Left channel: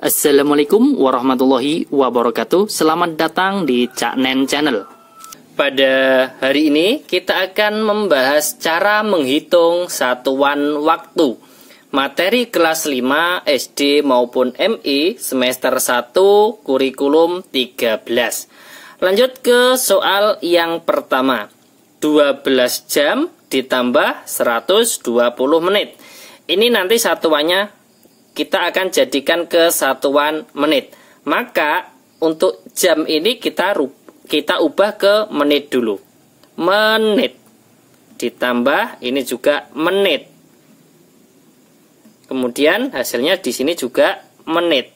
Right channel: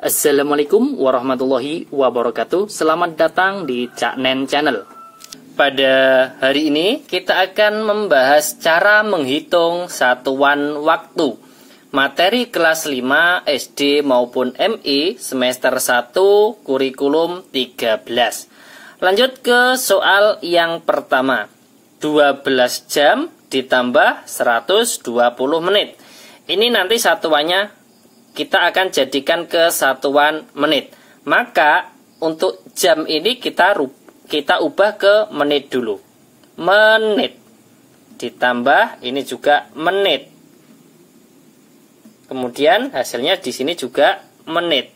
Assalamualaikum warahmatullahi wabarakatuh. Selamat datang di Cak Nen Channel. Pada hari ini kita akan membahas cara menghitung satuan waktu. Materi kelas 5 SD maupun MI semester 1 kurikulum 13. Lanjut ke soal yang pertama. 12 jam ditambah 120 menit. Ini nanti satuannya kita akan jadikan ke satuan menit. Maka untuk jam ini kita ubah ke menit dulu. Menit ditambah ini juga menit. Kemudian hasilnya di sini juga menit.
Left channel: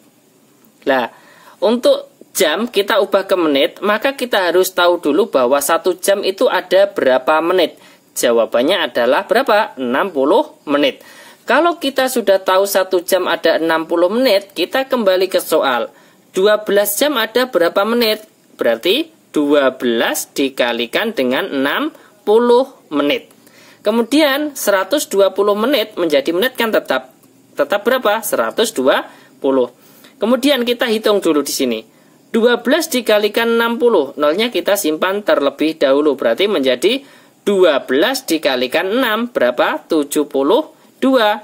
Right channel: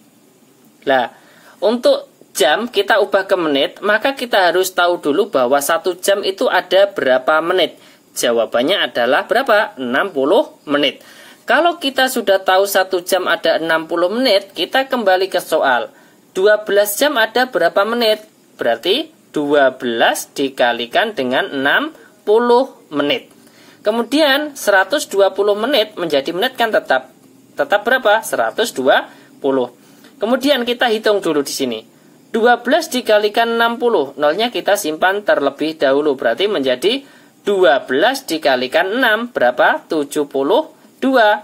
Nah, untuk jam kita ubah ke menit, maka kita harus tahu dulu bahwa 1 jam itu ada berapa menit. Jawabannya adalah berapa? 60 menit. Kalau kita sudah tahu 1 jam ada 60 menit, kita kembali ke soal. 12 jam ada berapa menit? Berarti 12 dikalikan dengan 60 menit. Kemudian 120 menit menjadi menit kan tetap berapa? 120. Kemudian kita hitung dulu di sini. 12 dikalikan 60, nolnya kita simpan terlebih dahulu. Berarti menjadi 12 dikalikan 6, berapa? 72.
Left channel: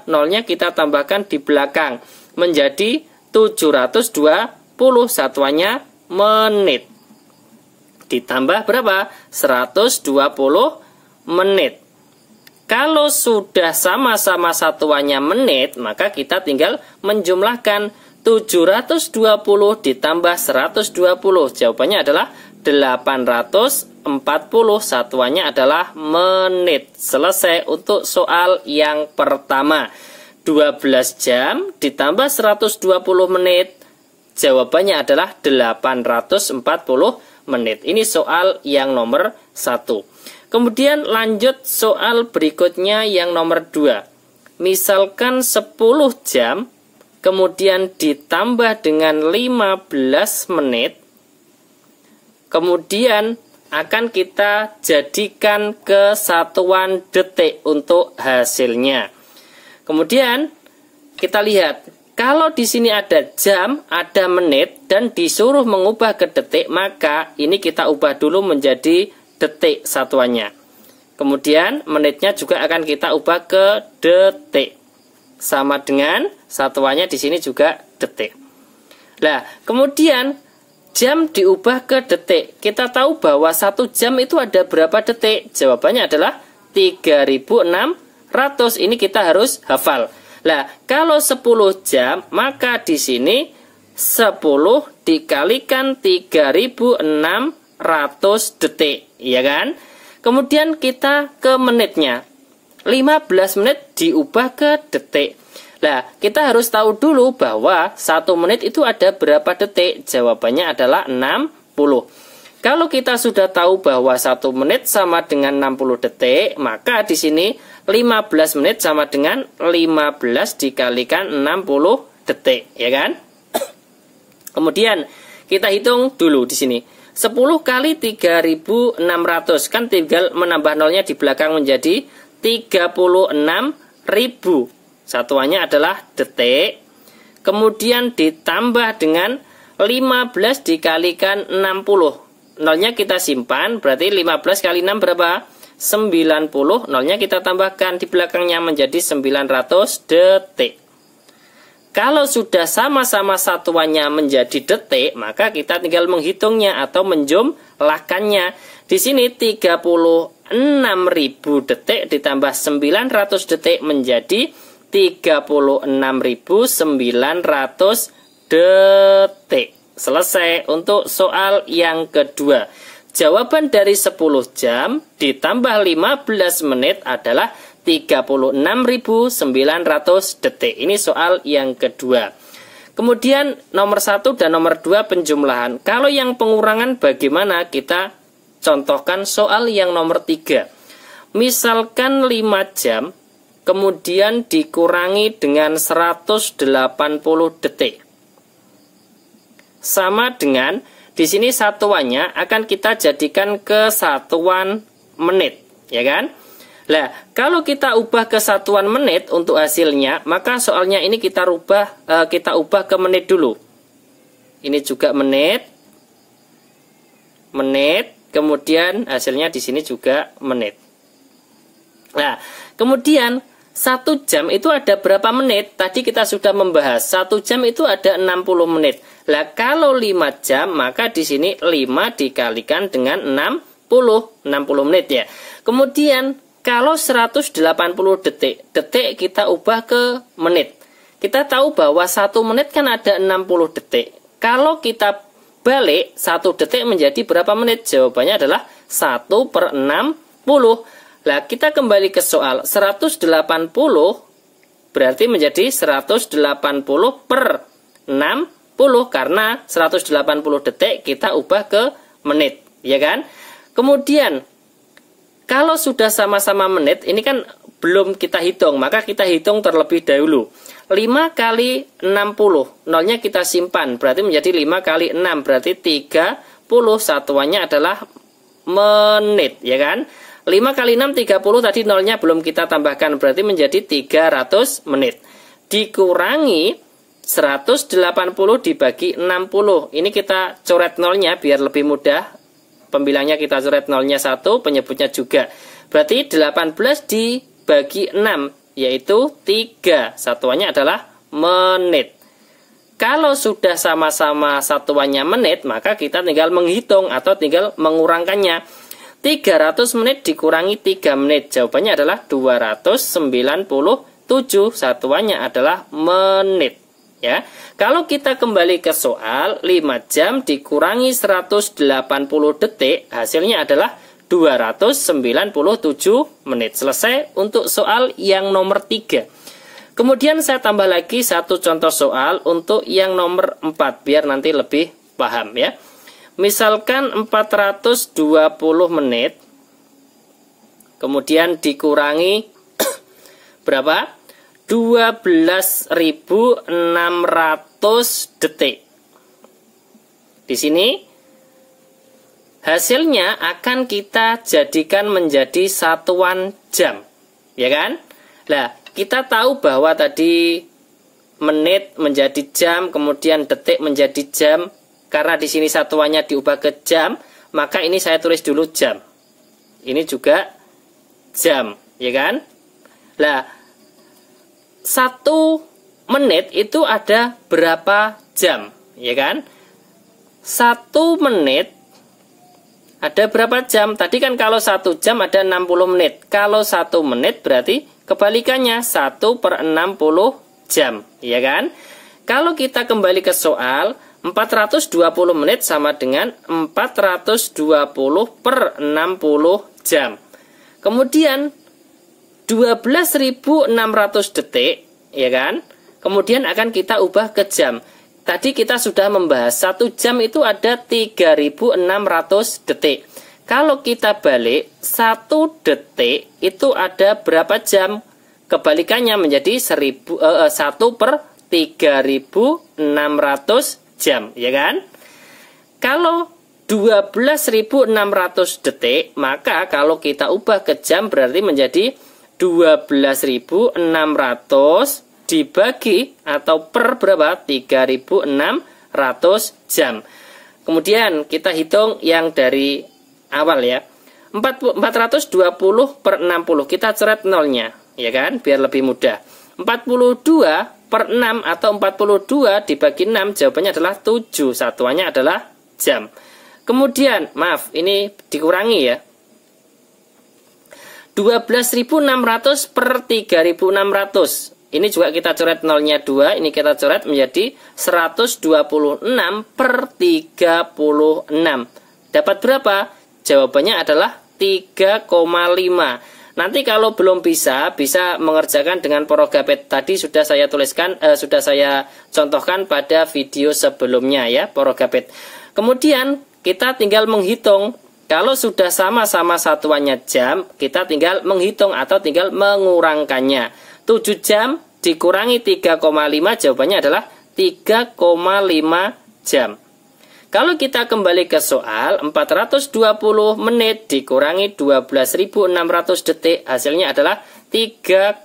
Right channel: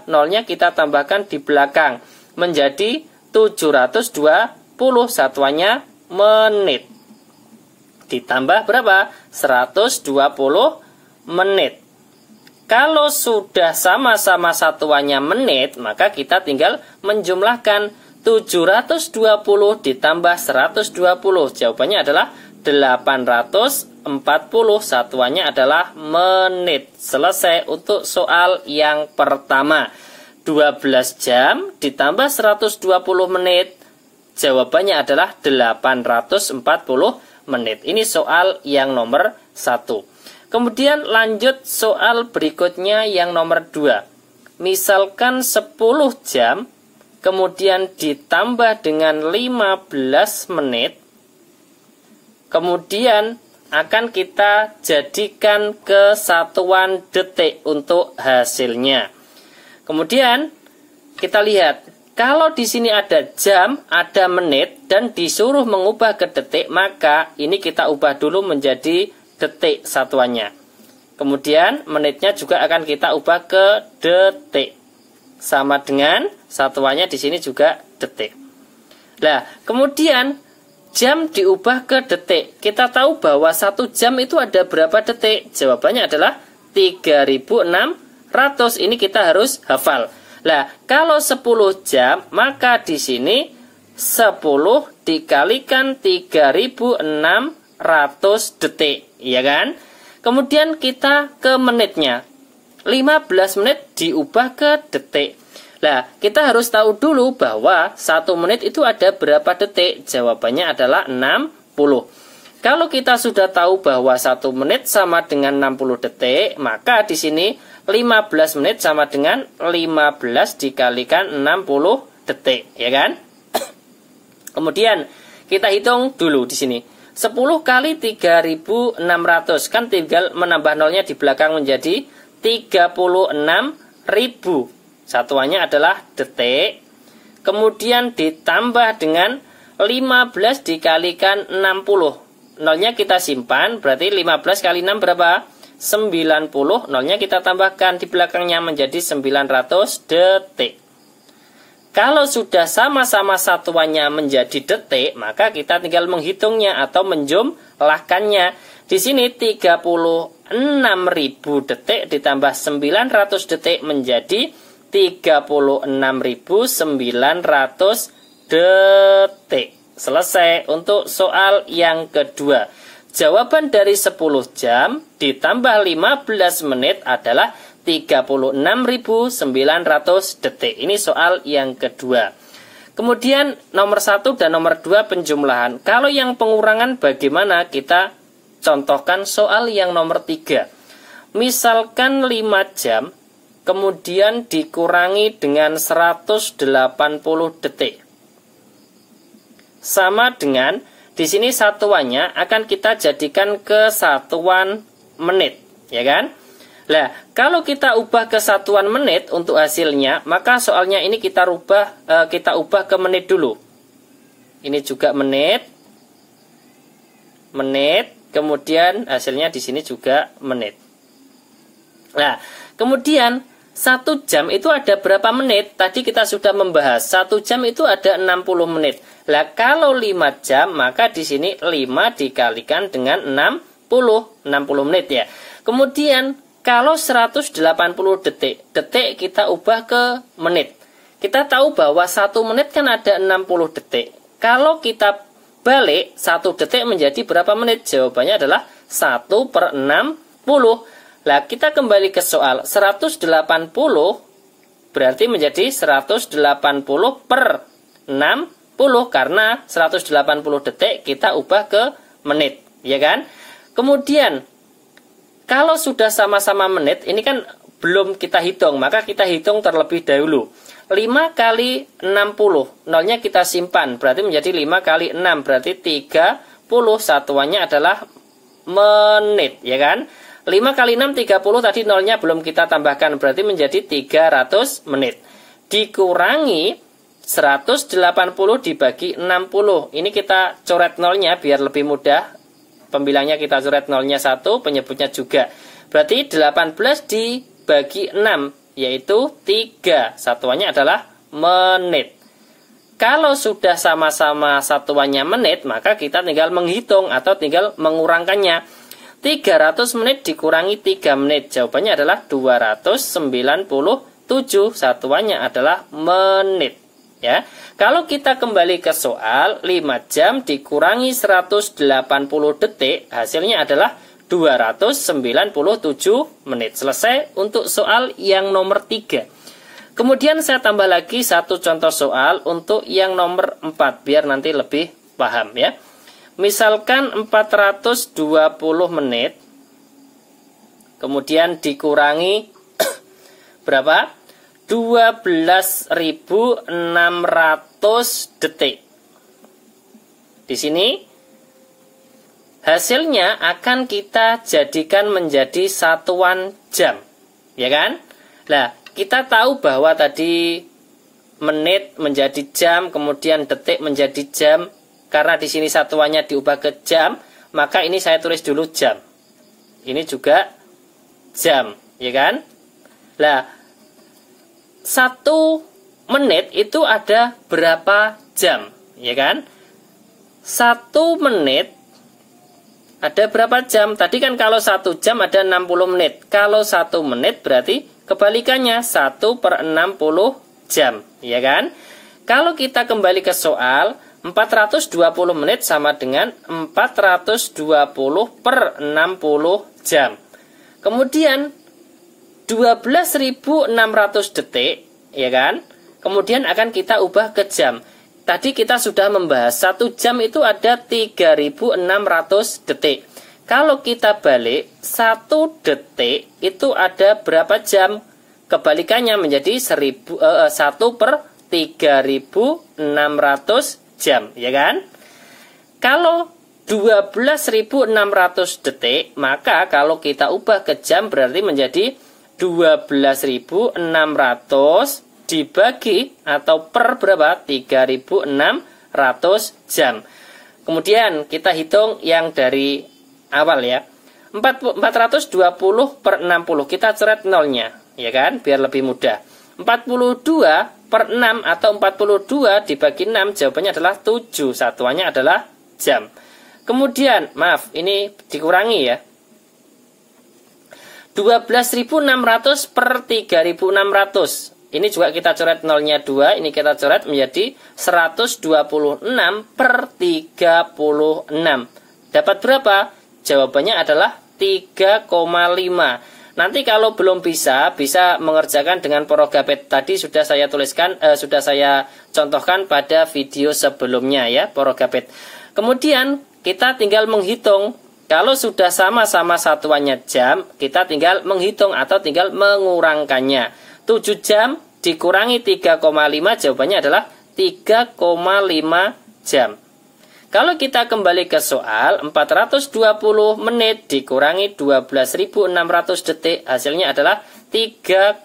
Nolnya kita tambahkan di belakang. Menjadi 720, satuannya menit. Ditambah berapa? 120 menit. Kalau sudah sama-sama satuannya menit, maka kita tinggal menjumlahkan 720 ditambah 120. Jawabannya adalah 840, satuannya adalah menit. Selesai untuk soal yang pertama. 12 jam ditambah 120 menit. Jawabannya adalah 840 menit. Ini soal yang nomor 1. Kemudian lanjut soal berikutnya yang nomor 2. Misalkan 10 jam, kemudian ditambah dengan 15 menit. Kemudian akan kita jadikan ke satuan detik untuk hasilnya. Kemudian kita lihat, kalau di sini ada jam, ada menit, dan disuruh mengubah ke detik, maka ini kita ubah dulu menjadi detik satuannya. Kemudian menitnya juga akan kita ubah ke detik. Sama dengan satuannya di sini juga detik. Nah, kemudian jam diubah ke detik. Kita tahu bahwa 1 jam itu ada berapa detik? Jawabannya adalah 3600. Ini kita harus hafal. Nah, kalau 10 jam, maka di sini 10 dikalikan 3600 detik, ya kan? Kemudian kita ke menitnya. 15 menit diubah ke detik. Nah, kita harus tahu dulu bahwa 1 menit itu ada berapa detik? Jawabannya adalah 60. Kalau kita sudah tahu bahwa 1 menit sama dengan 60 detik, maka di sini 15 menit sama dengan 15 dikalikan 60 detik, ya kan? Kemudian kita hitung dulu di sini. 10 kali 3600, kan tinggal menambah nolnya di belakang menjadi 36.000. Satuannya adalah detik. Kemudian ditambah dengan 15 dikalikan 60. Nolnya kita simpan, berarti 15 kali 6 berapa? 90. Nolnya kita tambahkan di belakangnya menjadi 900 detik. Kalau sudah sama-sama satuannya menjadi detik, maka kita tinggal menghitungnya atau menjumlahkannya. Di sini 36.000 detik ditambah 900 detik menjadi 36.900 detik. Selesai untuk soal yang kedua. Jawaban dari 10 jam ditambah 15 menit adalah 36.900 detik. Ini soal yang kedua. Kemudian nomor 1 dan nomor 2 penjumlahan. Kalau yang pengurangan bagaimana? Kita contohkan soal yang nomor 3. Misalkan 5 jam, kemudian dikurangi dengan 180 detik. Sama dengan, di sini satuannya akan kita jadikan ke satuan menit, ya kan? Nah, kalau kita ubah ke satuan menit untuk hasilnya, maka soalnya ini kita ubah ke menit dulu. Ini juga menit, kemudian hasilnya di sini juga menit. Nah, kemudian 1 jam itu ada berapa menit? Tadi kita sudah membahas 1 jam itu ada 60 menit. Lah kalau 5 jam maka di sini 5 dikalikan dengan 60 menit ya. Kemudian kalau 180 detik kita ubah ke menit. Kita tahu bahwa 1 menit kan ada 60 detik. Kalau kita balik 1 detik menjadi berapa menit? Jawabannya adalah 1/60. Nah, kita kembali ke soal 180 berarti menjadi 180/60 karena 180 detik kita ubah ke menit, ya kan? Kemudian kalau sudah sama-sama menit, ini kan belum kita hitung, maka kita hitung terlebih dahulu. 5 kali 60, nolnya kita simpan, berarti menjadi 5 kali 6, berarti 30, satuannya adalah menit, ya kan? 5 kali 6, 30, tadi nolnya belum kita tambahkan, berarti menjadi 300 menit. Dikurangi 180 dibagi 60. Ini kita coret nolnya biar lebih mudah. Pembilangnya kita coret nolnya 1, penyebutnya juga. Berarti 18 dibagi 6, yaitu 3. Satuannya adalah menit. Kalau sudah sama-sama satuannya menit, maka kita tinggal menghitung atau tinggal mengurangkannya. 300 menit dikurangi 3 menit. Jawabannya adalah 297. Satuannya adalah menit. Ya. Kalau kita kembali ke soal, 5 jam dikurangi 180 detik, hasilnya adalah 297 menit. Selesai untuk soal yang nomor 3. Kemudian saya tambah lagi satu contoh soal untuk yang nomor 4, biar nanti lebih paham ya. Misalkan 420 menit, kemudian dikurangi berapa? 12.600 detik. Di sini hasilnya akan kita jadikan menjadi satuan jam, ya kan? Nah, kita tahu bahwa tadi menit menjadi jam, kemudian detik menjadi jam. Karena di sini satuannya diubah ke jam, maka ini saya tulis dulu jam. Ini juga jam, ya kan? Nah, 1 menit itu ada berapa jam, ya kan? 1 menit ada berapa jam? Tadi kan kalau 1 jam ada 60 menit. Kalau 1 menit berarti kebalikannya 1/60 jam, ya kan? Kalau kita kembali ke soal, 420 menit sama dengan 420/60 jam. Kemudian 12.600 detik, ya kan? Kemudian akan kita ubah ke jam. Tadi kita sudah membahas 1 jam itu ada 3.600 detik. Kalau kita balik 1 detik itu ada berapa jam? Kebalikannya menjadi 1/3.600 jam, ya kan? Kalau 12.600 detik, maka kalau kita ubah ke jam berarti menjadi 12.600 dibagi atau per berapa? 3.600 jam. Kemudian kita hitung yang dari awal ya. 420/60 kita coret nolnya, ya kan? Biar lebih mudah. 42/6 atau 42 dibagi 6, jawabannya adalah 7. Satuannya adalah jam. Kemudian, maaf, ini dikurangi ya. 12.600 per 3.600. Ini juga kita coret nolnya 2. Ini kita coret menjadi 126 per 36. Dapat berapa? Jawabannya adalah 3,5. Nanti kalau belum bisa mengerjakan dengan porogapet tadi sudah saya tuliskan, sudah saya contohkan pada video sebelumnya ya, porogapet. Kemudian kita tinggal menghitung. Kalau sudah sama-sama satuannya jam, kita tinggal menghitung atau tinggal mengurangkannya. 7 jam dikurangi 3,5, jawabannya adalah 3,5 jam. Kalau kita kembali ke soal, 420 menit dikurangi 12.600 detik, hasilnya adalah 3,5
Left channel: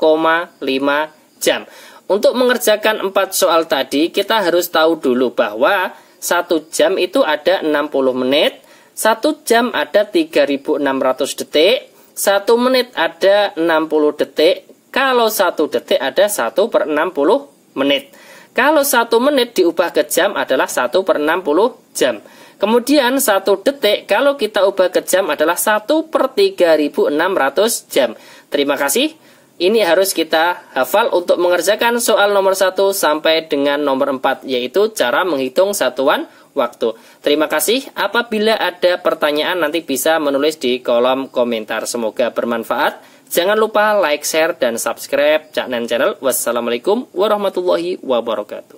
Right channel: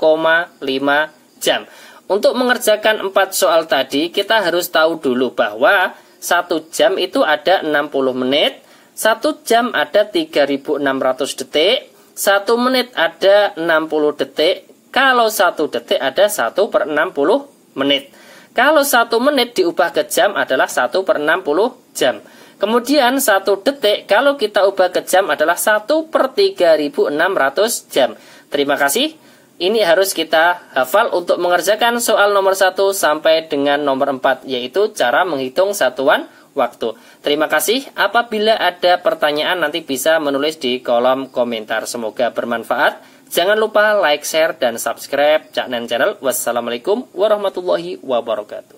jam. Untuk mengerjakan 4 soal tadi, kita harus tahu dulu bahwa 1 jam itu ada 60 menit, 1 jam ada 3.600 detik, 1 menit ada 60 detik, kalau 1 detik ada 1/60 menit. Kalau 1 menit diubah ke jam adalah 1/60 jam. Kemudian 1 detik kalau kita ubah ke jam adalah 1/3600 jam. Terima kasih. Ini harus kita hafal untuk mengerjakan soal nomor 1 sampai dengan nomor 4, yaitu cara menghitung satuan waktu. Terima kasih. Apabila ada pertanyaan nanti bisa menulis di kolom komentar. Semoga bermanfaat. Jangan lupa like, share, dan subscribe channel. Wassalamualaikum warahmatullahi wabarakatuh.